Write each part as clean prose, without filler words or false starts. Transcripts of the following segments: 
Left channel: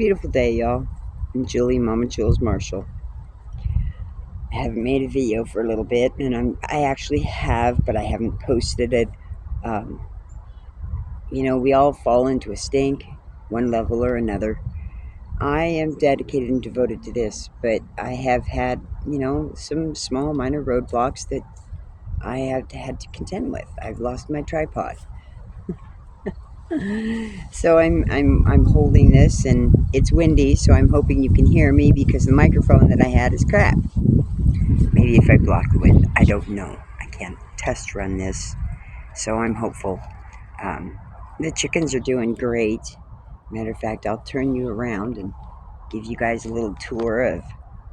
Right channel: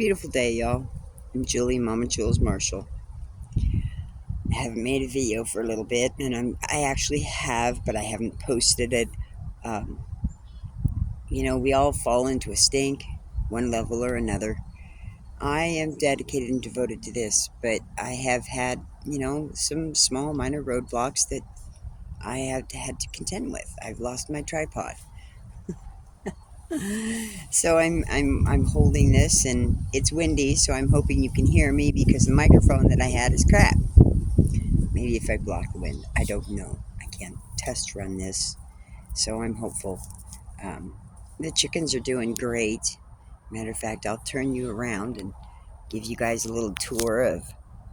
Beautiful day, y'all. I'm Julie, Mama Jules Marshall. I haven't made a video for a little bit, and I actually have, but I haven't posted it. Um, we all fall into a stink, one level or another. I am dedicated and devoted to this, but I have had, some small minor roadblocks that I have had to contend with. I've lost my tripod. So I'm holding this, and it's windy, so I'm hoping you can hear me because the microphone that I had is crap. Maybe if I block the wind, I don't know. I can't test run this, so I'm hopeful. Um, the chickens are doing great. Matter of fact, I'll turn you around and give you guys a little tour of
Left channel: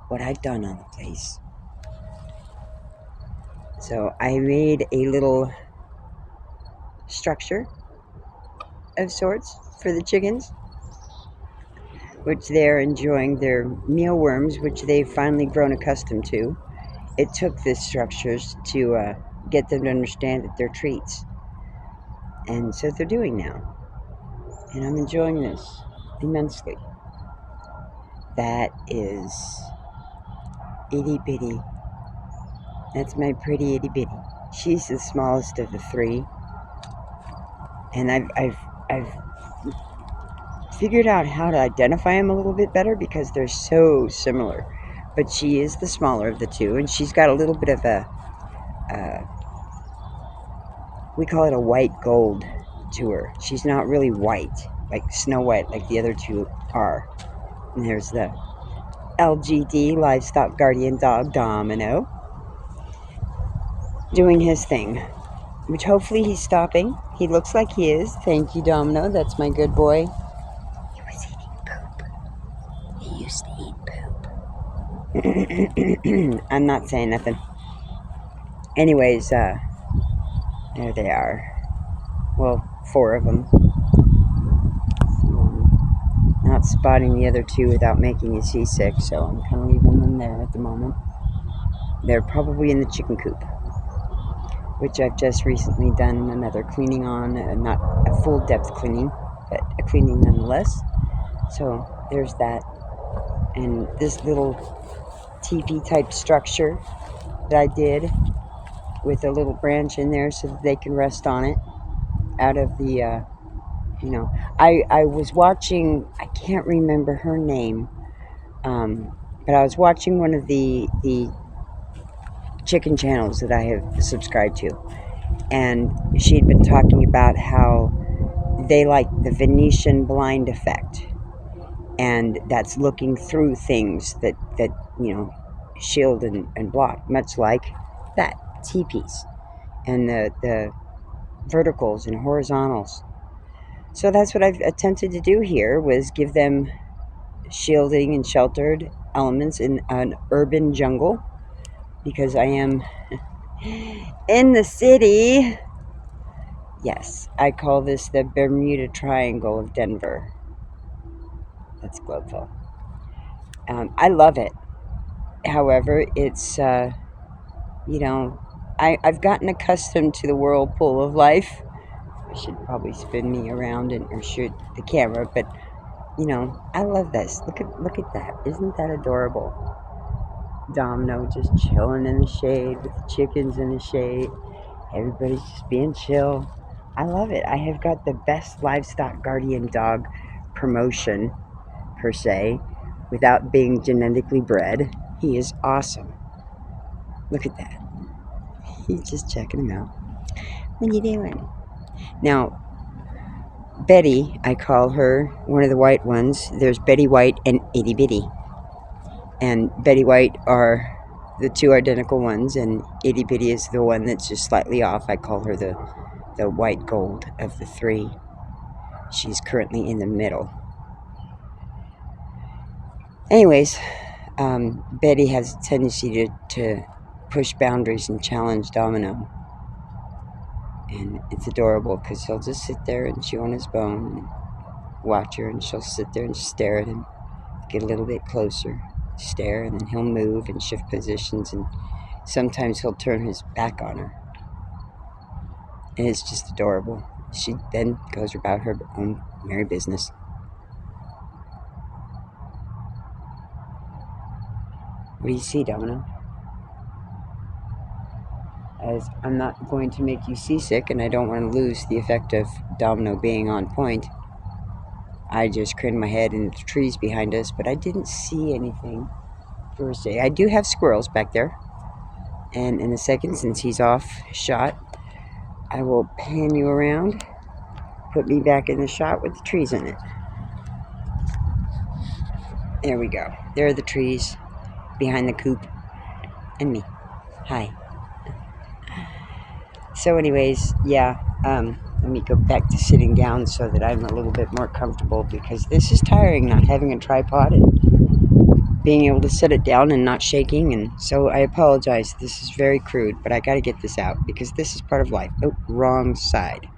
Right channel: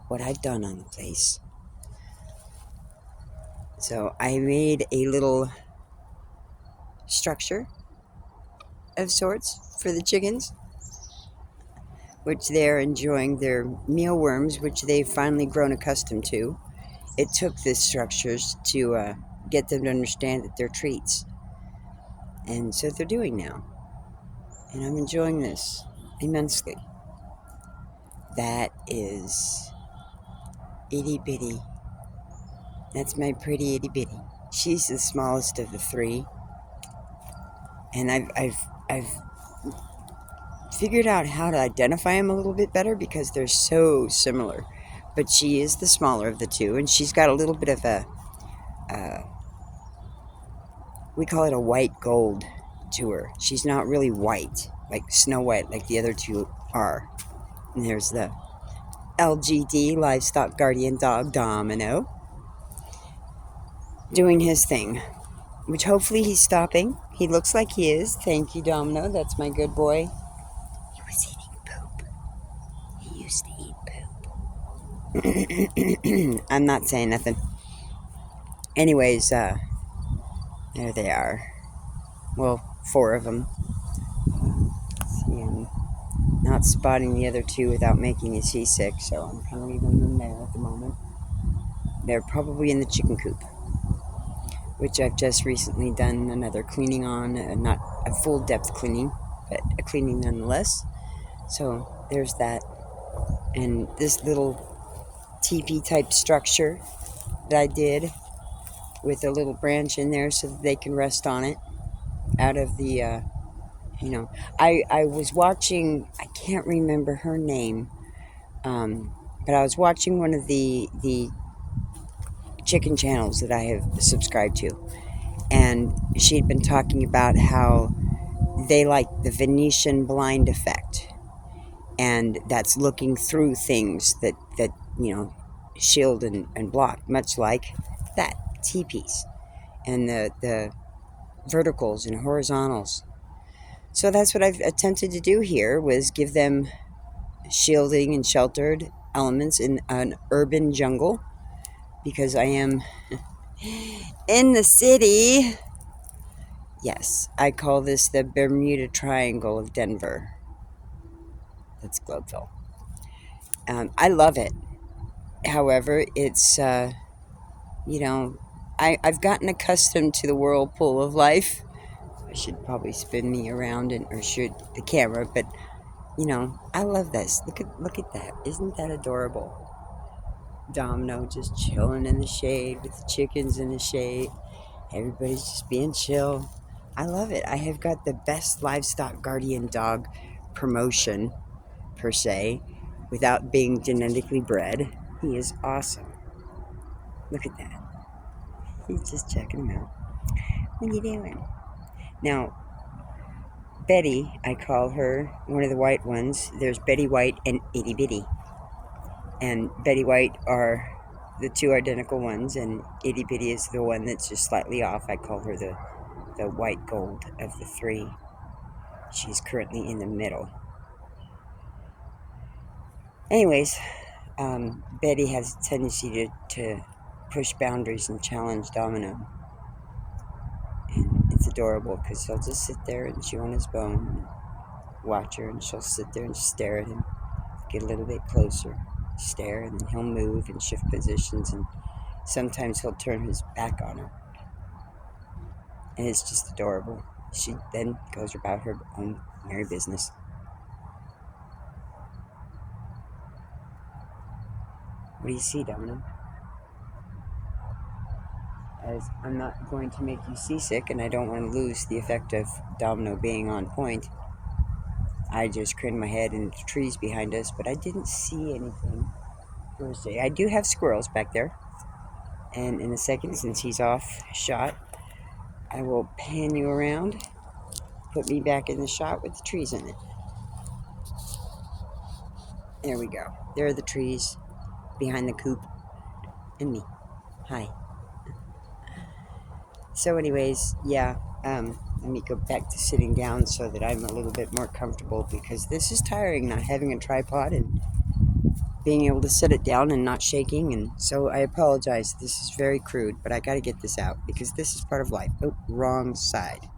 what I've done on the place. So I made a little structure of sorts for the chickens, which they're enjoying their mealworms, which they've finally grown accustomed to. It took the structures to get them to understand that they're treats. And so they're doing now. And I'm enjoying this immensely. That is itty bitty. That's my pretty itty bitty. She's the smallest of the three. And I've figured out how to identify them a little bit better because they're so similar. But she is the smaller of the two, and she's got a little bit of we call it a white gold to her. She's not really white, like Snow White, like the other two are. And there's the LGD, Livestock Guardian Dog, Domino, doing his thing, which hopefully he's stopping. He looks like he is. Thank you, Domino. That's my good boy. He was eating poop. He used to eat poop. I'm not saying nothing. Anyways, there they are. Well, 4 of them. Not spotting the other 2 without making you seasick, so I'm kind of leaving them there at the moment. They're probably in the chicken coop, which I've just recently done another cleaning on, not a full depth cleaning, but a cleaning nonetheless. So there's that. And this little teepee type structure that I did with a little branch in there so that they can rest on it out of the, I was watching, I can't remember her name, but I was watching one of the chicken channels that I have subscribed to, and she'd been talking about how they like the Venetian blind effect, and that's looking through things that shield and block, much like that T-piece and the verticals and horizontals. So that's what I've attempted to do here, was give them shielding and sheltered elements in an urban jungle, because I am in the city. Yes, I call this the Bermuda Triangle of Denver. That's Globeville. I love it. However, it's, I've gotten accustomed to the whirlpool of life. I should probably spin me around or shoot the camera, but, I love this. Look at that. Isn't that adorable? Domino just chilling in the shade with the chickens in the shade. Everybody's just being chill. I love it. I have got the best livestock guardian dog promotion, per se, without being genetically bred. He is awesome. Look at that. He's just checking him out. What are you doing? Now, Betty, I call her, one of the white ones. There's Betty White and Itty Bitty. And Betty White are the 2 identical ones, and Itty Bitty is the one that's just slightly off. I call her the white gold of the 3. She's currently in the middle. Anyways, Betty has a tendency to push boundaries and challenge Domino. And it's adorable because he'll just sit there and chew on his bone and watch her, and she'll sit there and stare at him, get a little bit closer, stare, and then he'll move and shift positions, and sometimes he'll turn his back on her. And it's just adorable. She then goes about her own merry business. What do you see, Domino? As I'm not going to make you seasick, and I don't want to lose the effect of Domino being on point, I just craned my head into the trees behind us, but I didn't see anything per se. I do have squirrels back there, and in a second, since he's off shot, I will pan you around, put me back in the shot with the trees in it. There we go. There are the trees behind the coop, and me. Hi. So anyways, yeah, let me go back to sitting down so that I'm a little bit more comfortable, because this is tiring, not having a tripod and being able to set it down and not shaking. And so I apologize. This is very crude, but I got to get this out because this is part of life. Oh, wrong side.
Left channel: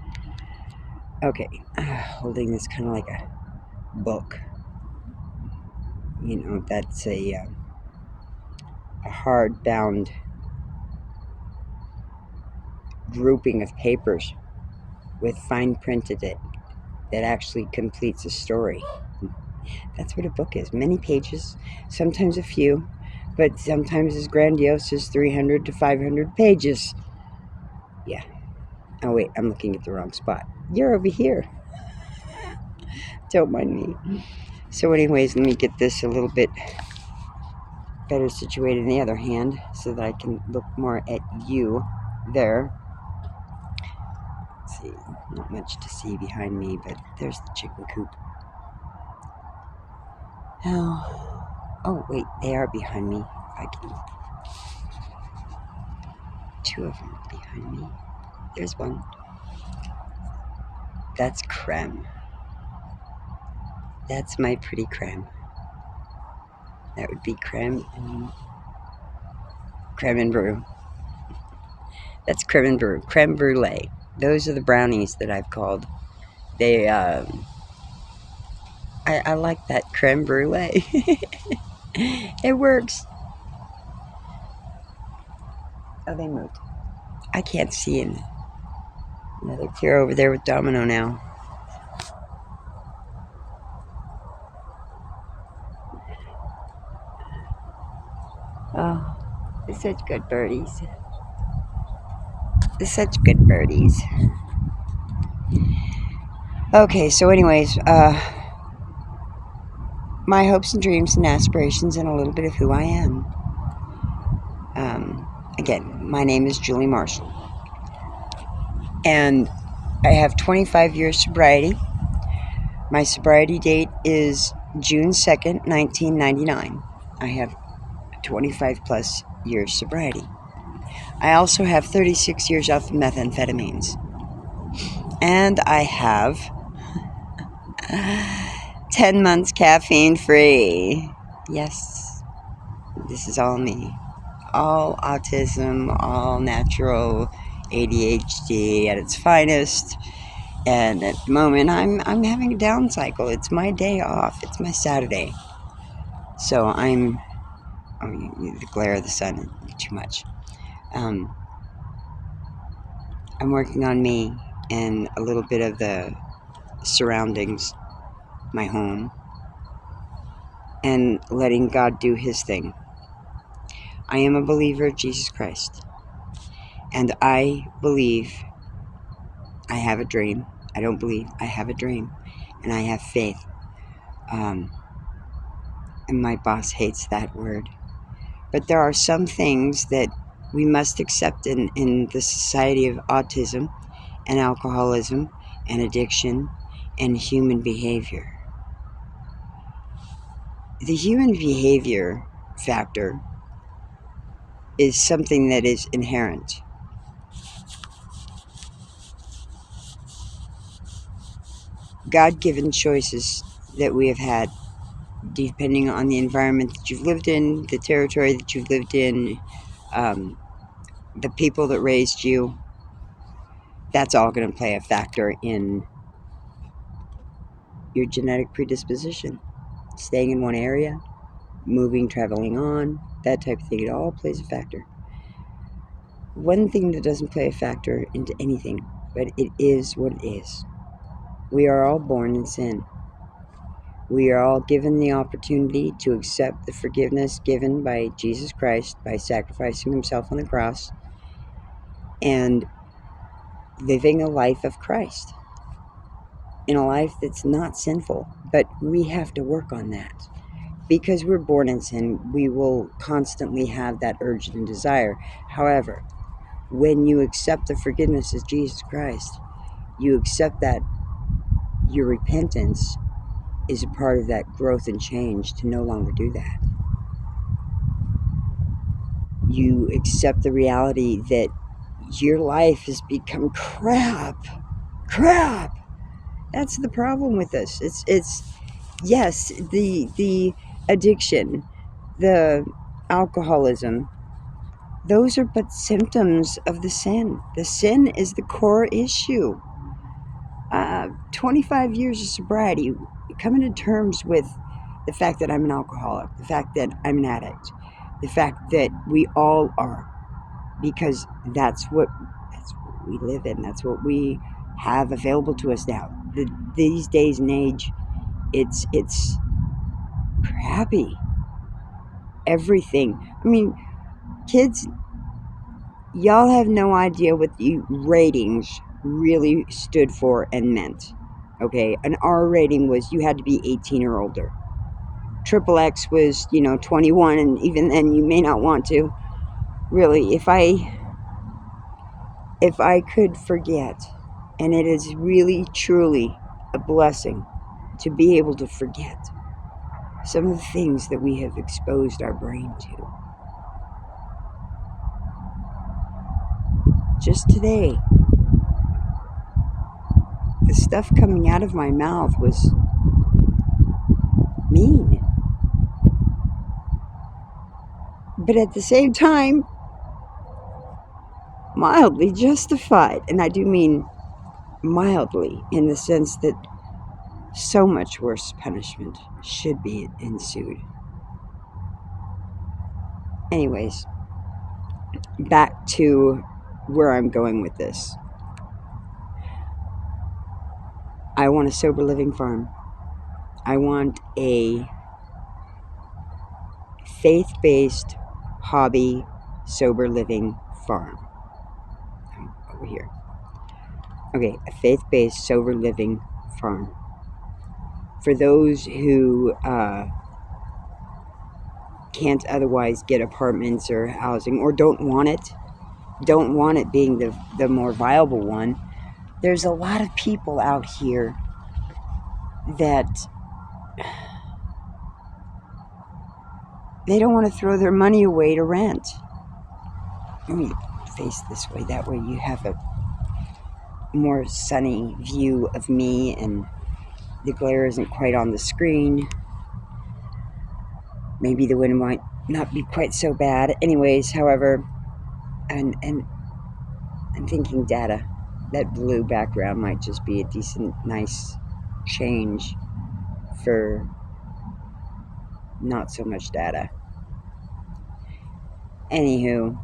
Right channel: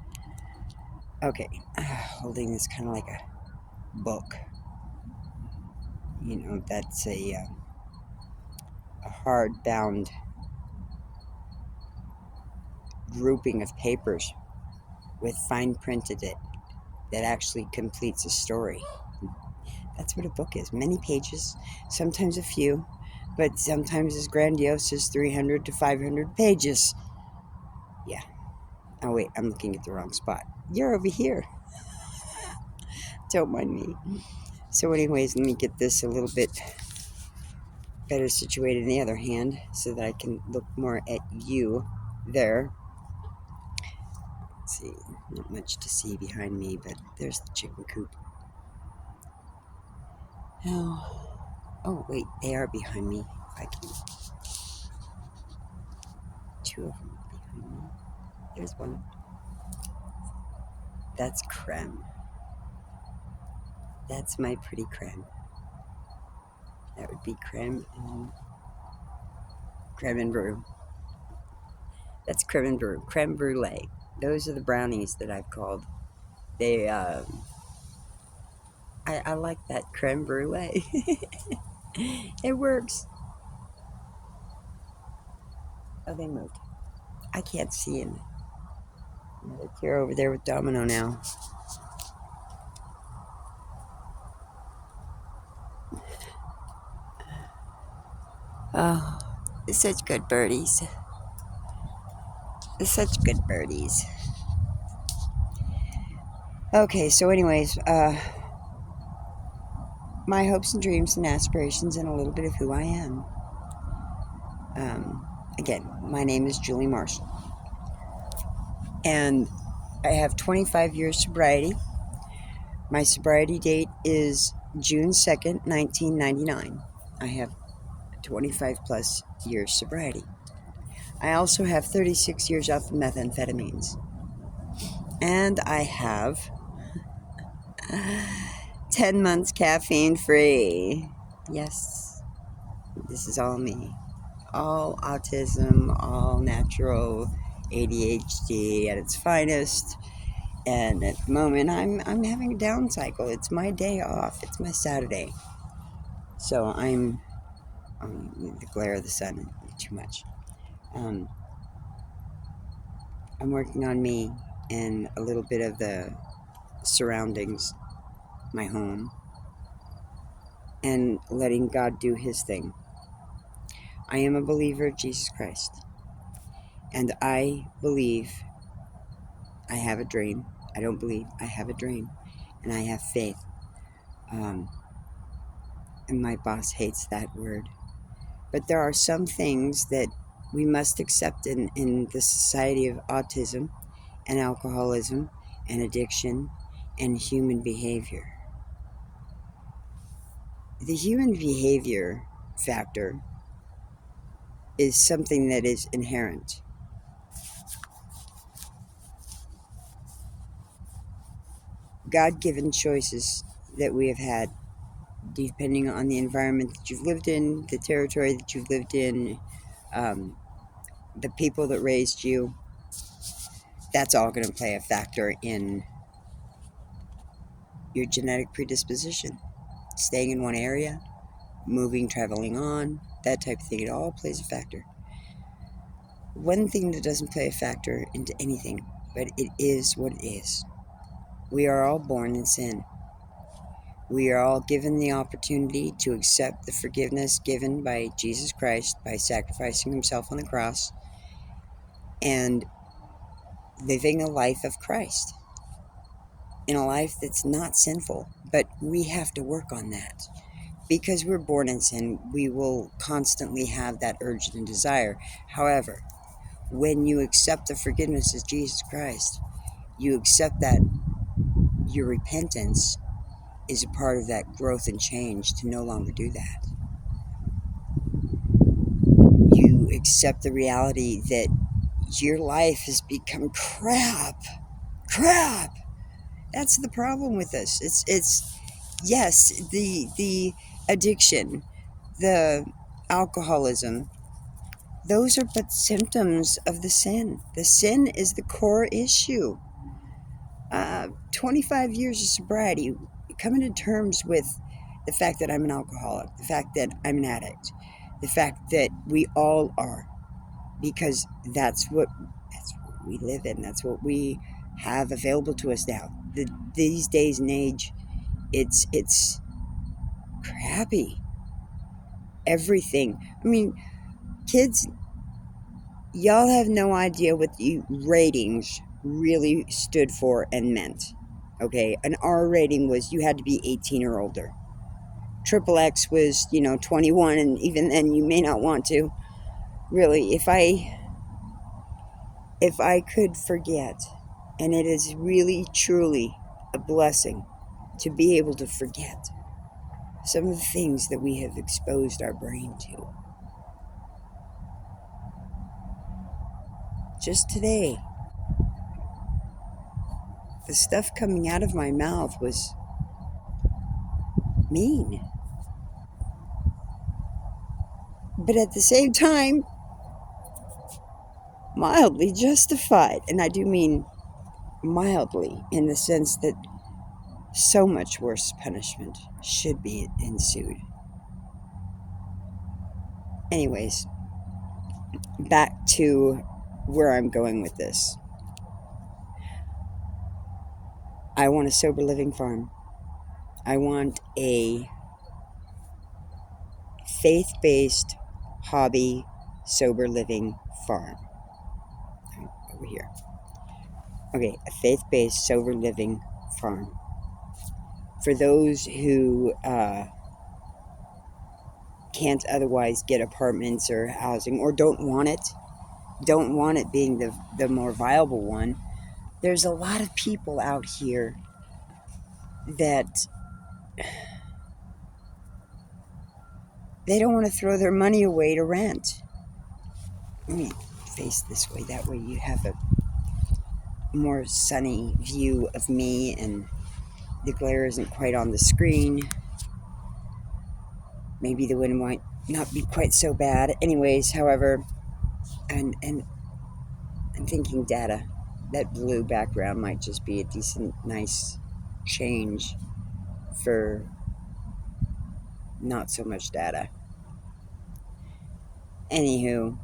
Okay, holding this kind of like a book. You know, that's a hard-bound grouping of papers with fine print in it that actually completes a story. That's what a book is. Many pages, sometimes a few, but sometimes as grandiose as 300 to 500 pages. Yeah. Oh, wait, I'm looking at the wrong spot. You're over here. Don't mind me. So anyways, let me get this a little bit better situated in the other hand so that I can look more at you there. Let's see, not much to see behind me, but there's the chicken coop. Oh, wait, they are behind me. If I can. Two of them behind me. There's one. That's Creme. That's my pretty Creme. That would be Creme and Brew. That's Creme and Brew. Creme Brulee. Those are the brownies that I've called. They, I like that Creme Brulee. It works. Oh, they moved. I can't see in. Another cure over there with Domino now. Oh, they're such good birdies. They're such good birdies. Okay, so anyways, my hopes and dreams and aspirations and a little bit of who I am. Again, my name is Julie Marshall. And I have 25 years sobriety. My sobriety date is June 2nd, 1999. I have 25 plus years sobriety. I also have 36 years off of methamphetamines. And I have 10 months caffeine free. Yes, this is all me. All autism, all natural ADHD at its finest. And at the moment, I'm having a down cycle. It's my day off. It's my Saturday. So I'm... Oh, the glare of the sun is too much. I'm working on me and a little bit of the surroundings, my home, and letting God do His thing. I am a believer of Jesus Christ. And I believe I have a dream. I don't believe. I have a dream. And I have faith. And my boss hates that word. But there are some things that we must accept in the society of autism and alcoholism and addiction and human behavior. The human behavior factor is something that is inherent. God-given choices that we have had, depending on the environment that you've lived in, the territory that you've lived in, the people that raised you, that's all going to play a factor in your genetic predisposition. Staying in one area, moving, traveling on, that type of thing, it all plays a factor. One thing that doesn't play a factor into anything, but it is what it is. We are all born in sin. We are all given the opportunity to accept the forgiveness given by Jesus Christ by sacrificing himself on the cross and living a life of Christ in a life that's not sinful. But we have to work on that. Because we're born in sin, we will constantly have that urge and desire. However, when you accept the forgiveness of Jesus Christ, you accept that your repentance is a part of that growth and change to no longer do that. You accept the reality that your life has become crap. Crap. That's the problem with this. It's yes, the addiction, the alcoholism, those are but symptoms of the sin. The sin is the core issue. 25 years of sobriety, coming to terms with the fact that I'm an alcoholic, the fact that I'm an addict, the fact that we all are, because that's what we live in. That's what we have available to us now. These days and age, it's crappy. Everything. I mean, kids, y'all have no idea what the ratings really stood for and meant. Okay, an R rating was you had to be 18 or older. Triple X was, 21, and even then you may not want to. Really, if I could forget, and it is really truly a blessing to be able to forget some of the things that we have exposed our brain to. Just today, the stuff coming out of my mouth was mean. But at the same time, mildly justified. And I do mean mildly in the sense that so much worse punishment should be ensued. Anyways, back to where I'm going with this. I want a sober living farm. I want a faith-based hobby sober living farm. Over here. Okay, a faith-based sober living farm. For those who can't otherwise get apartments or housing, or don't want it being the more viable one, there's a lot of people out here that they don't want to throw their money away to rent. Let me face this way, that way you have a more sunny view of me and the glare isn't quite on the screen. Maybe the wind might not be quite so bad. Anyways, however, and I'm thinking data. That blue background might just be a decent, nice change for not so much data. Anywho,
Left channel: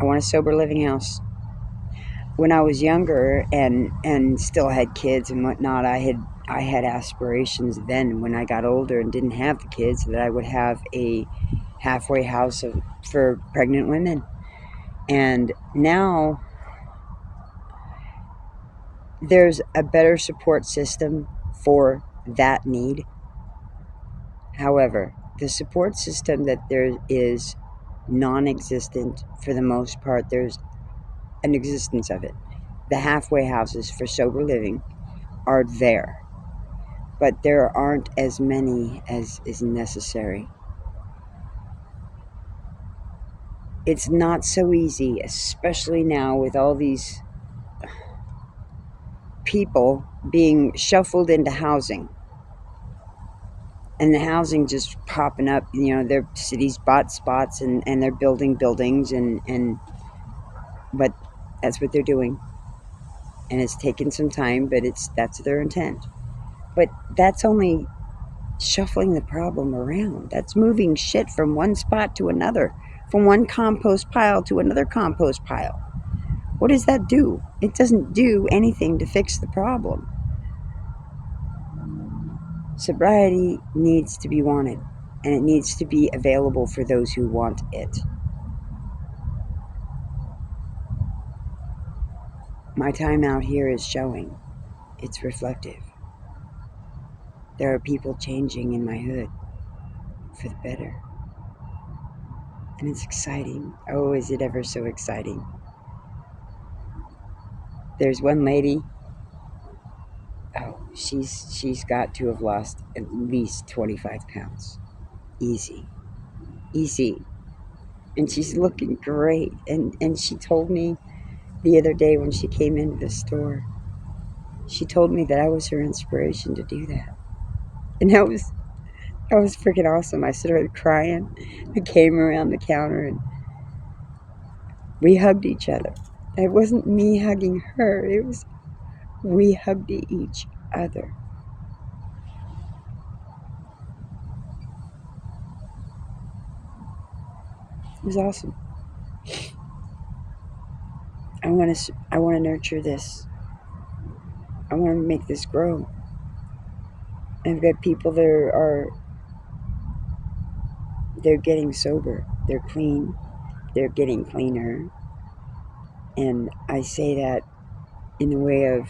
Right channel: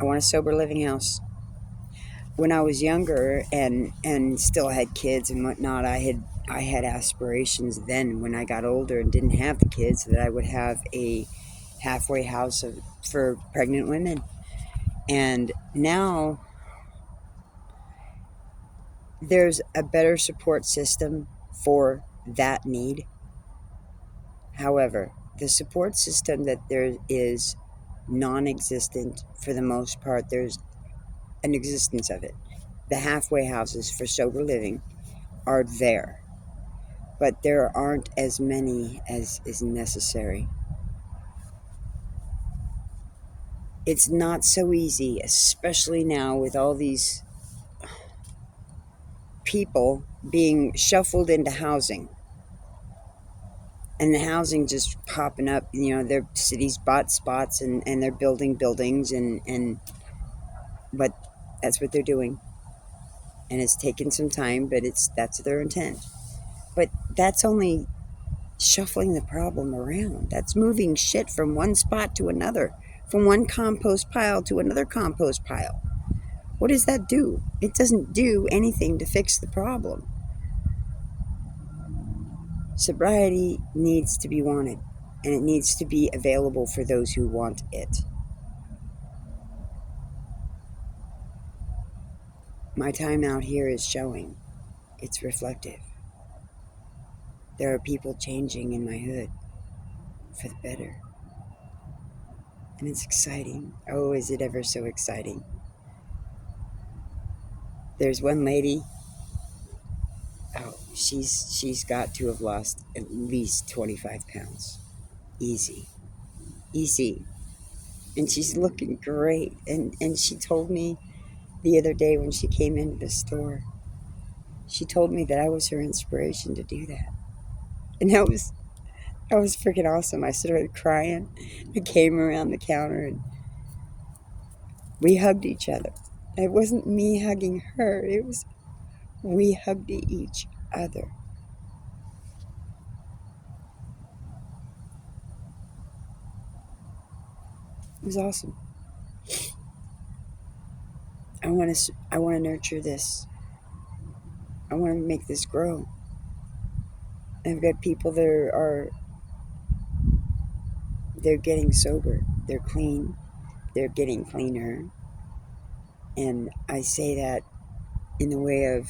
I want a sober living house. When I was younger and still had kids and whatnot, I had aspirations then when I got older and didn't have the kids that I would have a halfway house for pregnant women. And now there's a better support system for that need. However, the support system that there is non-existent for the most part. There's an existence of it. The halfway houses for sober living are there, but there aren't as many as is necessary. It's not so easy, especially now with all these people being shuffled into housing. And the housing just popping up, their cities bought spots and they're building buildings but that's what they're doing. And it's taken some time, but that's their intent. But that's only shuffling the problem around. That's moving shit from one spot to another, from one compost pile to another compost pile. What does that do? It doesn't do anything to fix the problem. Sobriety needs to be wanted, and it needs to be available for those who want it. My time out here is showing. It's reflective. There are people changing in my hood for the better. And it's exciting. Oh, is it ever so exciting. There's one lady, oh, she's got to have lost at least 25 pounds. Easy. And she's looking great. And she told me the other day when she came into the store, she told me that I was her inspiration to do that. And that was freaking awesome. I started crying. I came around the counter and we hugged each other. It wasn't me hugging her. It was we hugged each other. It was awesome. I want to nurture this. I want to make this grow. I've got people that they're getting sober. They're clean. They're getting cleaner. And I say that in the way of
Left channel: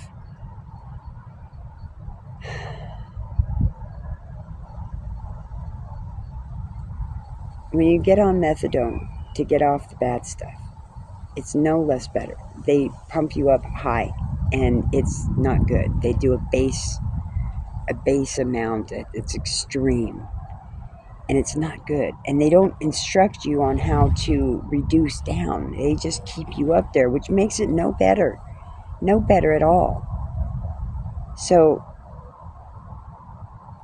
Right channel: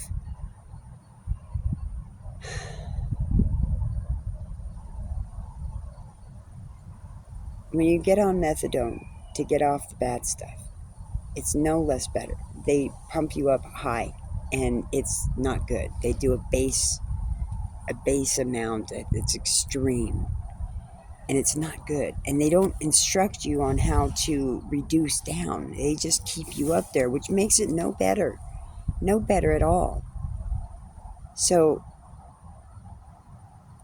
when you get on methadone to get off the bad stuff, it's no less better. They pump you up high, and it's not good. They do a base amount. It's extreme, and it's not good. And they don't instruct you on how to reduce down. They just keep you up there, which makes it no better at all. So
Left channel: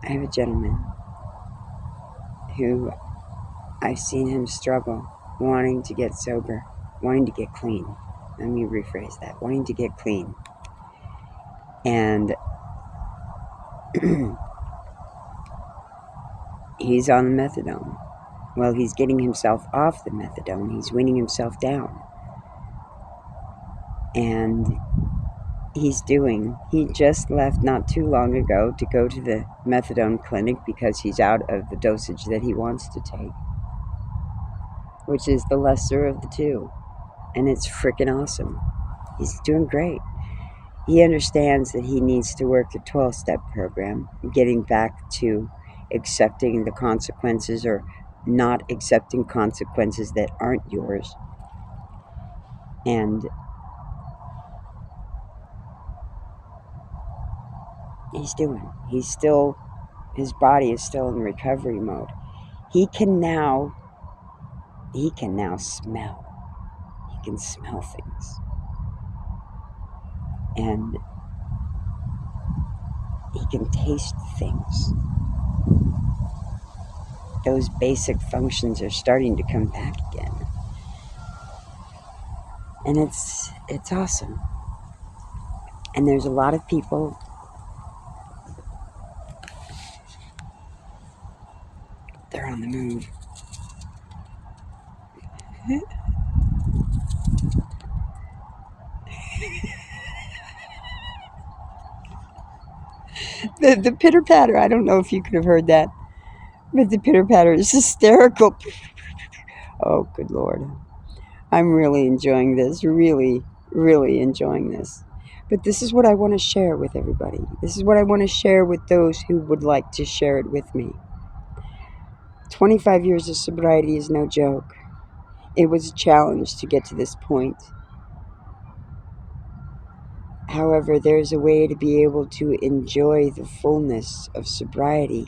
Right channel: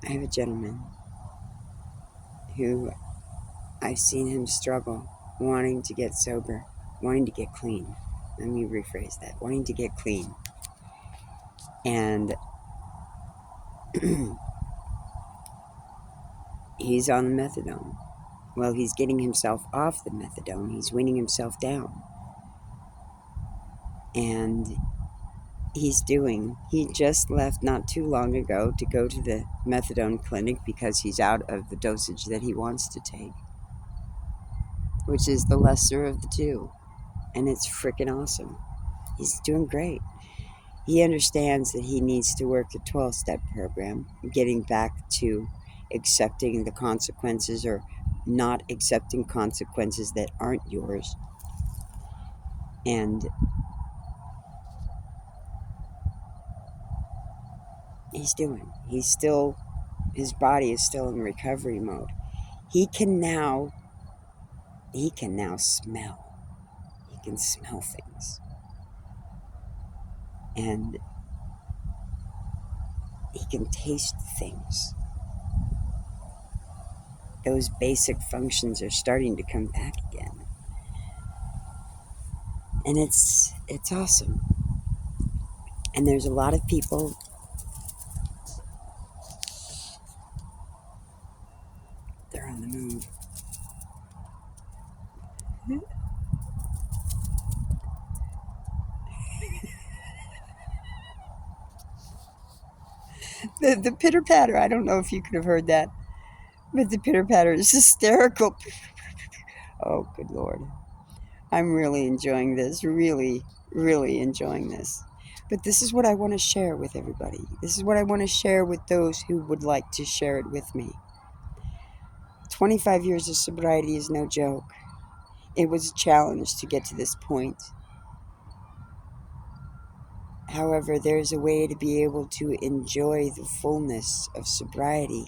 I have a gentleman who I've seen him struggle, wanting to get sober, wanting to get clean. Let me rephrase that. Wanting to get clean. And he's on the methadone. Well, he's getting himself off the methadone. He's weaning himself down. And he just left not too long ago to go to the methadone clinic because he's out of the dosage that he wants to take, which is the lesser of the two. And it's freaking awesome. He's doing great. He understands that he needs to work the 12-step program, getting back to accepting the consequences or not accepting consequences that aren't yours. And his body is still in recovery mode. He can now smell. He can smell things. And he can taste things. Those basic functions are starting to come back again. And it's awesome. And there's a lot of people they're on the move. The pitter patter, I don't know if you could have heard that, but the pitter patter is hysterical. Oh, good Lord. I'm really enjoying this, really, really enjoying this. But this is what I want to share with everybody. This is what I want to share with those who would like to share it with me. 25 years of sobriety is no joke. It was a challenge to get to this point. However, there's a way to be able to enjoy the fullness of sobriety,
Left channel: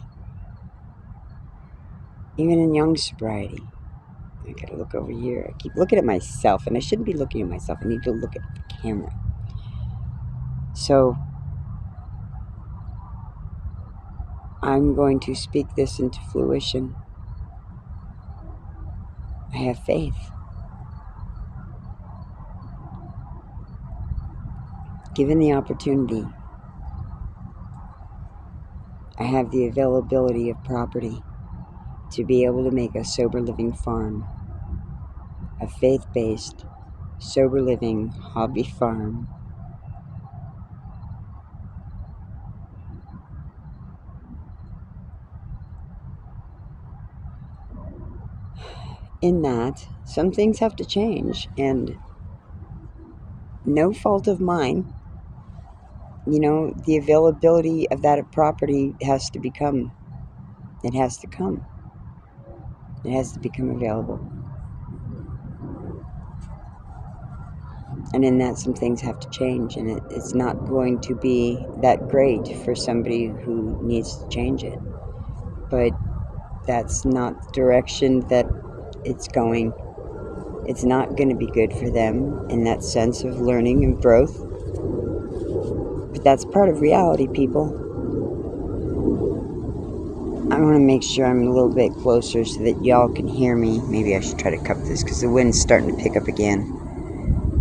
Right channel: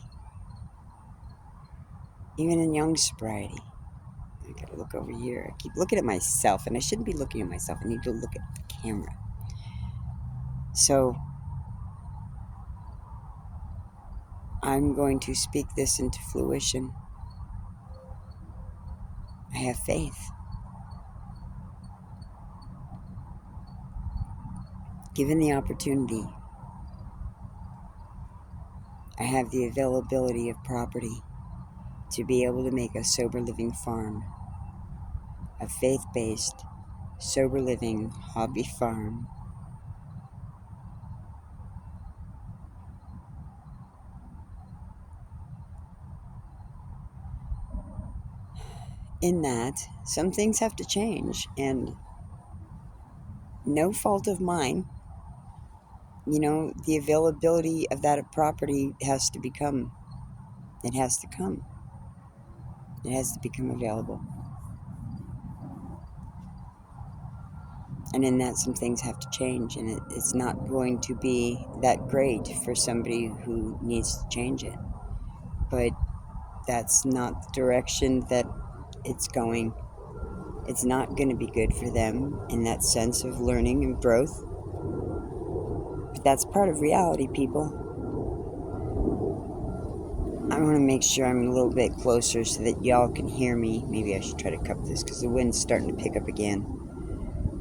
even in young sobriety. I gotta look over here. I keep looking at myself, and I shouldn't be looking at myself. I need to look at the camera. So I'm going to speak this into fruition. I have faith. Given the opportunity, I have the availability of property to be able to make a sober living farm, a faith-based, sober living hobby farm. in that some things have to change, and no fault of mine. The availability of that property has to become, it has to come, it has to become available. And in that, some things have to change, and it's not going to be that great for somebody who needs to change it. But that's not the direction that it's going. It's not going to be good for them in that sense of learning and growth. But that's part of reality, people. I want to make sure I'm a little bit closer so that y'all can hear me. Maybe I should try to cup this because the wind's starting to pick up again.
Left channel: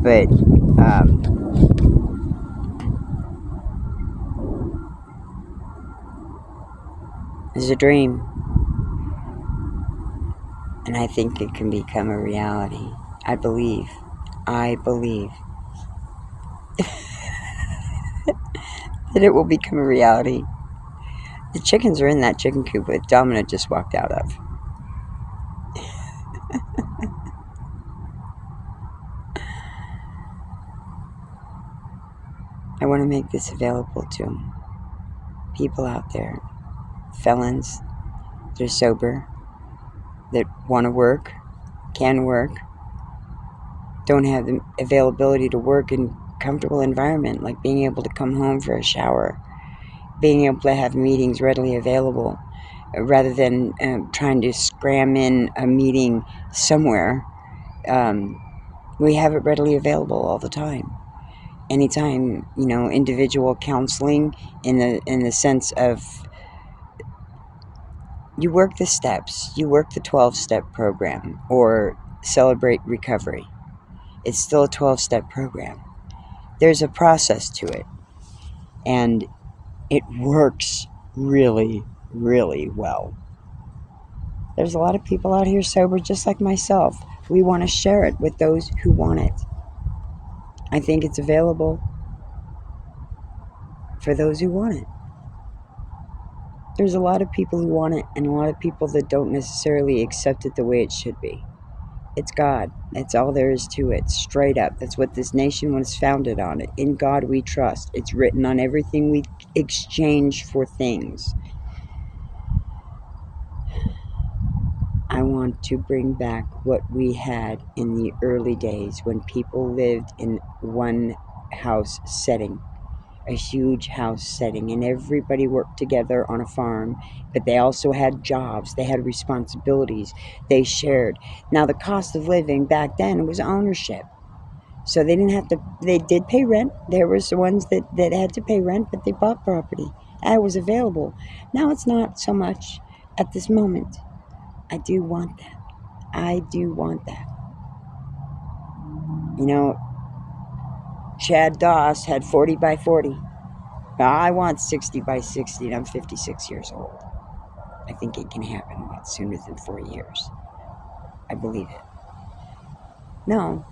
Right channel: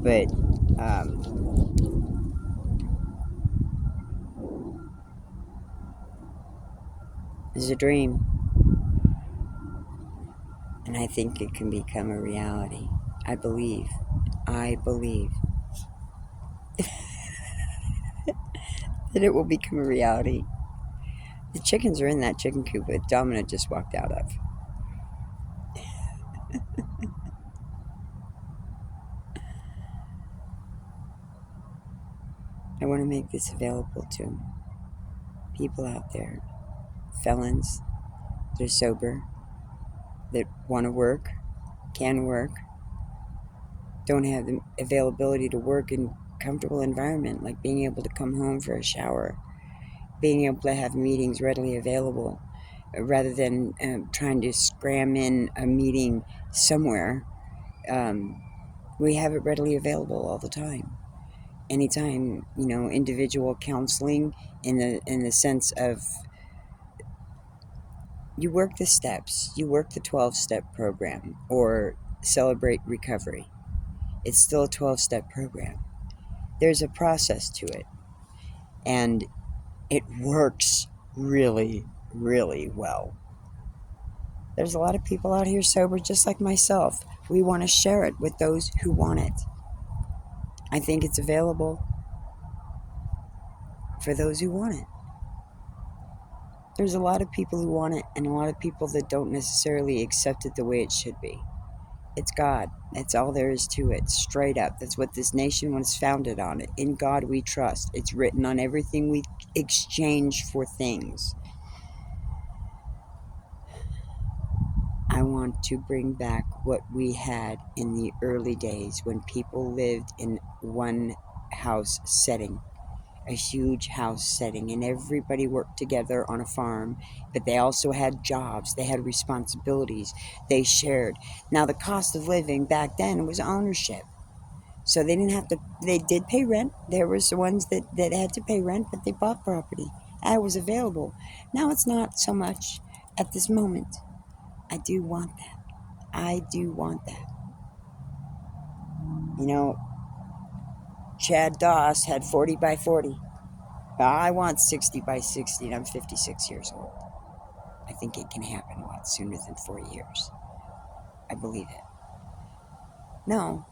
But this is a dream, and I think it can become a reality. I believe that it will become a reality. The chickens are in that chicken coop that Dominic just walked out of. I want to make this available to people out there, felons, that are sober, that want to work, can work, don't have the availability to work in comfortable environment, like being able to come home for a shower, being able to have meetings readily available, rather than trying to scram in a meeting somewhere. We have it readily available all the time. Anytime, individual counseling in the sense of you work the steps, you work the 12-step program, or Celebrate Recovery. It's still a 12-step program. There's a process to it, and it works really, really well. There's a lot of people out here sober just like myself. We want to share it with those who want it. I think it's available for those who want it. There's a lot of people who want it, and a lot of people that don't necessarily accept it the way it should be. It's God. That's all there is to it. Straight up. That's what this nation was founded on. In God we trust. It's written on everything we exchange for things. I want to bring back what we had in the early days when people lived in one house setting, a huge house setting, and everybody worked together on a farm, but they also had jobs, they had responsibilities, they shared. Now, the cost of living back then was ownership. So they didn't have to, they did pay rent. There was the ones that had to pay rent, but they bought property. That was available. Now it's not so much at this moment. I do want that. I do want that. Chad Doss had 40 by 40. Now I want 60 by 60, and I'm 56 years old. I think it can happen a lot sooner than 4 years. I believe it. No,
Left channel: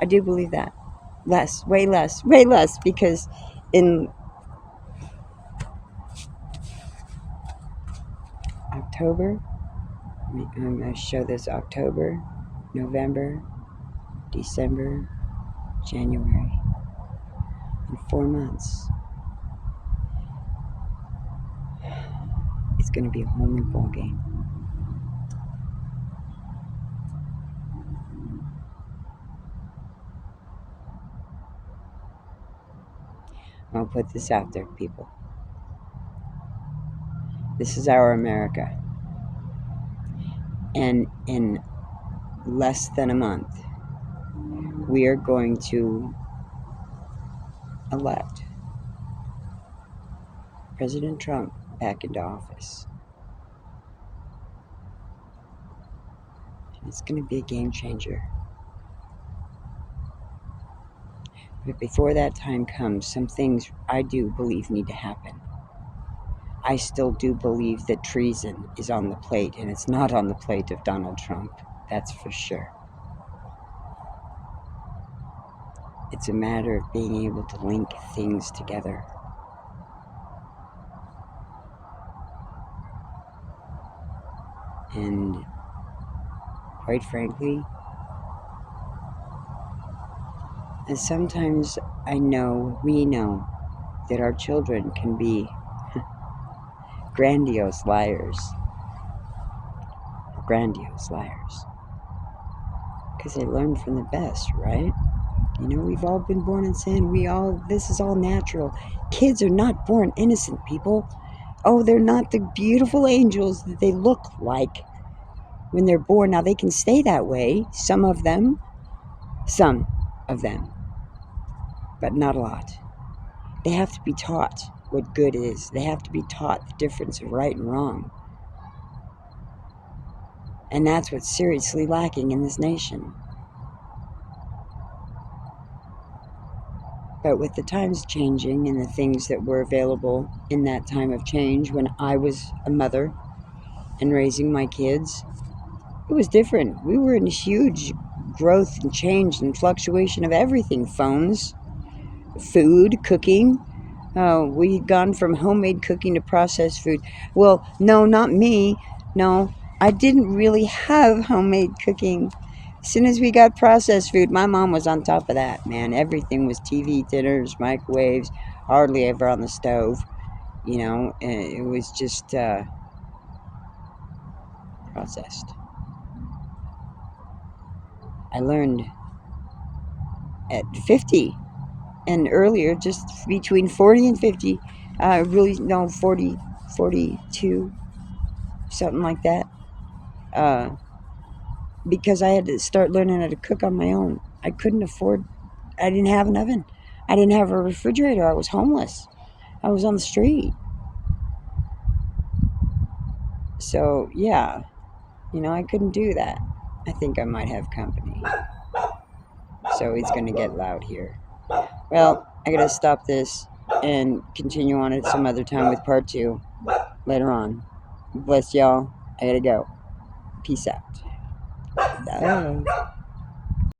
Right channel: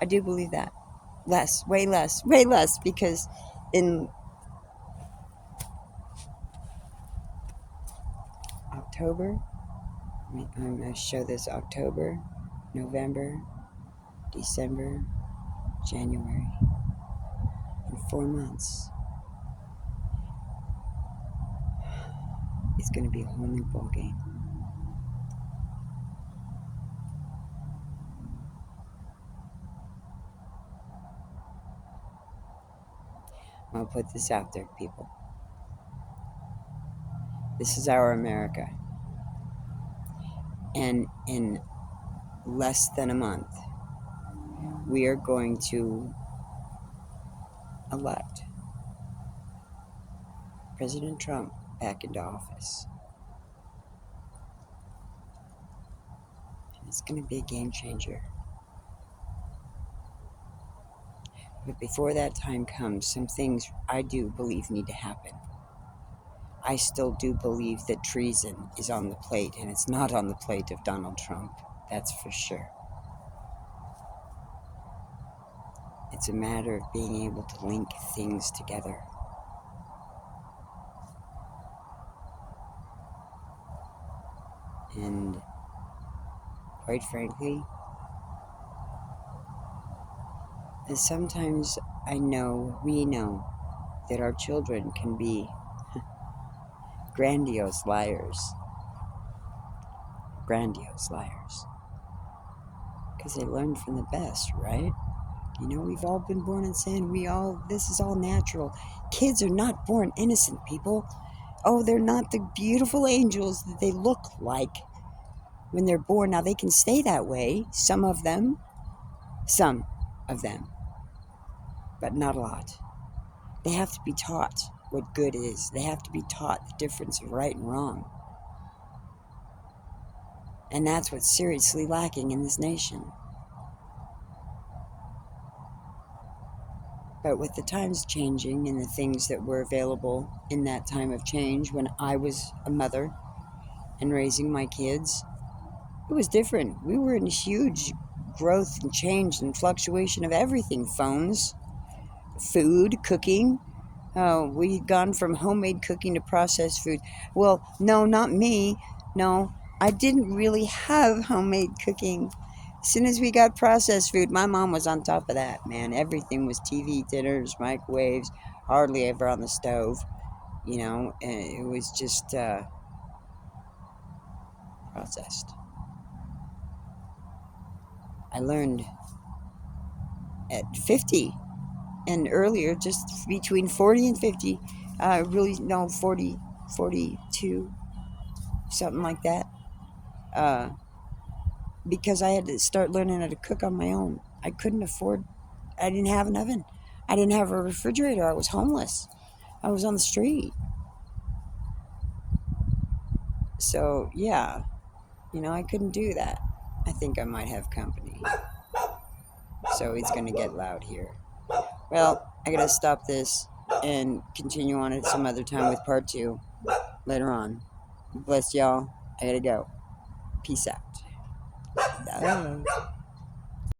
I do believe that. Way less, because in October, I'm going to show this October, November, December, January, in 4 months. It's going to be a whole new ball game. I'll put this out there, people. This is our America. And in less than a month, we are going to elect President Trump back into office. It's going to be a game changer. But before that time comes, some things I do believe need to happen. I still do believe that treason is on the plate, and it's not on the plate of Donald Trump. That's for sure. It's a matter of being able to link things together. And quite frankly. And sometimes we know, that our children can be grandiose liars. Grandiose liars. Because they learn from the best, right? We've all been born in sin. This is all natural. Kids are not born innocent, people. Oh, they're not the beautiful angels that they look like when they're born. Now, they can stay that way, some of them, but not a lot. They have to be taught what good is. They have to be taught the difference of right and wrong. And that's what's seriously lacking in this nation. But with the times changing and the things that were available in that time of change when I was a mother and raising my kids, it was different. We were in huge growth and change and fluctuation of everything. Phones, food, cooking. We had gone from homemade cooking to processed food. Well, no, not me. No, I didn't really have homemade cooking. As soon as we got processed food, my mom was on top of that, man. Everything was TV dinners, microwaves, hardly ever on the stove. And it was just processed. I learned at 50 and earlier, just between 40 and 50, really, no, 40, 42, something like that. Uh, because I had to start learning how to cook on my own. I didn't have an oven. I didn't have a refrigerator. I was homeless. I was on the street. So, yeah, I couldn't do that. I think I might have company. So it's going to get loud here. Well, I got to stop this and continue on at some other time with part 2 later on. Bless y'all. I got to go. Peace out. Bye.